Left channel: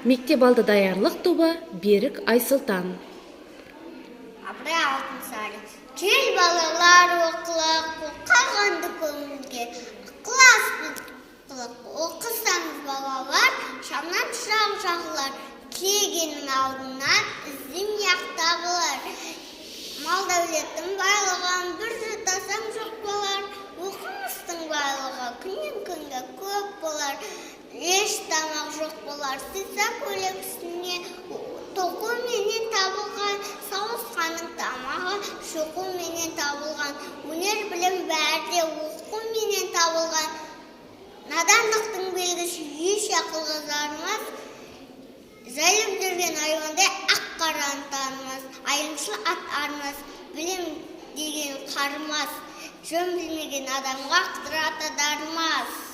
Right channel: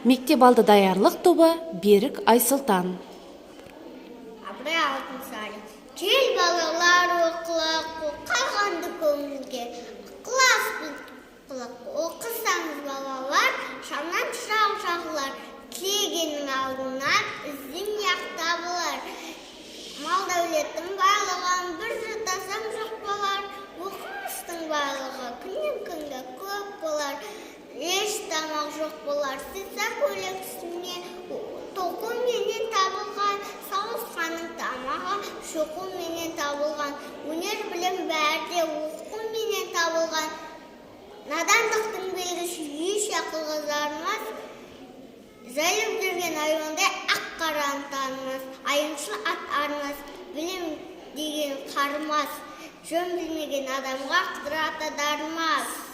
Мектеп алды даярлық тобы Берік Айсұлтан. Абырай алтын сары. Кел балалар оқылық, қалғанды көңілге. Класс оқысаңыз балалар, шамнан шырақ жағылар. Тілегенің алдынан ізден яқта болар. Мал дәулеттің байлығын бір жұтасам жоқ болар. Оқымыстың байлығы күннен күнге көп болар. Еш тамақ жоқ болар. Сыйса көйлек үстіне тоқу менен табылған. Сауысқаның тамағы шоқу менен табылған. Өнер білім бәрде оқу менен табылған. Надандықтың белгісі еш ақылға жармас. Жайып жүрген айуандай ақ қараны танымас. Айымшыл ат армас, білем деген қармас. Жөн білмеген адамға қыдыраты дармас.